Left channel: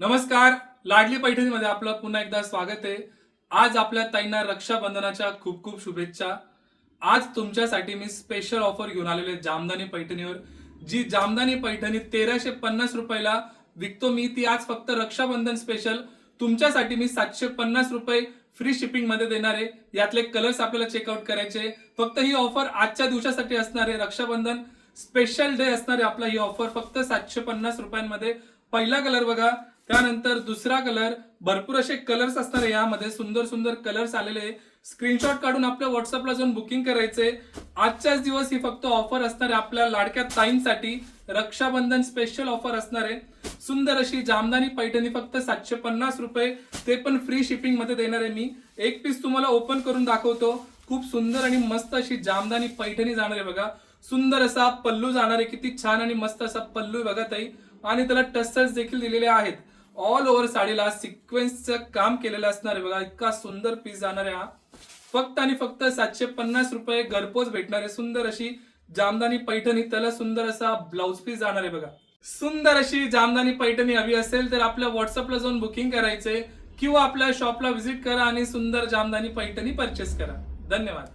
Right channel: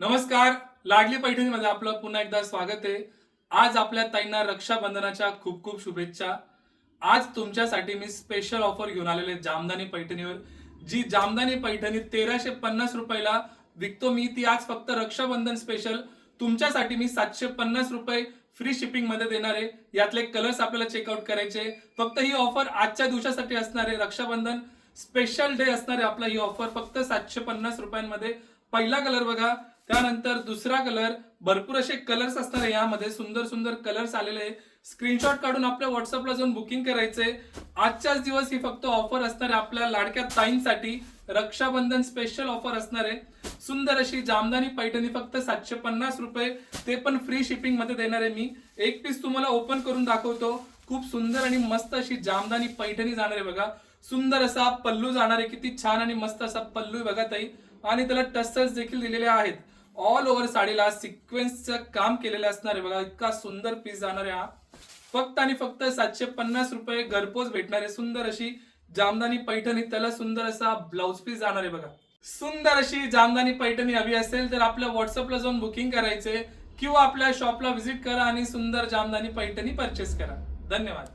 नमस्कार. लाडली पैठणीमध्ये आपलं पुन्हा एकदा स्वागत आहे. आज आपल्या ताईंना रक्षाबंधनाच्या खूप खूप शुभेच्छा. आज तुमच्यासाठी मी स्पेशल ऑफर घेऊन आलेले आहे जामदानी पैठणीवर. जी जामदानी पैठणी 1350 रुपयाला विकतो मी, ती आज फक्त रक्षाबंधन स्पेशल तुमच्यासाठी मी 750 रुपये फ्री शिपिंग मध्ये देणार आहे. यातले कलर्स आपल्याला चेकआउट करायचे. फक्त ही ऑफर आजच्या दिवसासाठी असणार आहे. रक्षाबंधन स्पेशल डे असणार आहे आपला. ही ऑफर फक्त 750 रुपयांमध्ये. पहिला कलर बघा, त्यानंतर दुसरा कलर, भरपूर असे कलर्स असणार आहे यामध्ये. सुंदर सुंदर कलर्स आलेले आहे. स्क्रीनशॉट काढून आपल्या व्हॉट्सअपला जाऊन बुकिंग करायचंय. आजच्याच दिवस ही फक्त ऑफर असणार आहे आपल्या लाडक्या ताईंसाठी. रक्षाबंधन स्पेशल ऑफर असणार आहे. सुंदर अशी जामदानी पैठणी फक्त 750 रुपये, ते पण फ्री शिपिंग मध्ये देणार आहे मी. एक पीस तुम्हाला ओपन करून दाखवतो. खूप सुंदर आणि मस्त अशी जामदानी पैठणी जाणार आहे बघा. सुंदर असा पल्लू जाणार आहे. किती छान आणि मस्त असा पल्लू बघा ताई. आणि त्याला टसल्स देखील दिलेले आहेत. ऑल ओव्हर साडीला सिक्वेन्सचं काम केलेलं असणार आहे बघा. इतका सुंदर पीस जाणार आहे हा. फक्त आणि फक्त 750 रुपये घरपोच भेटणार आहे. सुंदर अशी जामदानी पैठणी, त्याला सुंदर असा ब्लाउज पीस जाणार आहे बघा. सुंदर अशी जामदानी पैठणी हवी असेल तर आपल्या व्हॉट्सअपला जाऊन बुकिंग करायचंय किंवा आपल्या शॉपला व्हिजिट करा आणि सुंदर जामदानी पैठणी परचेस करा. धन्यवाद.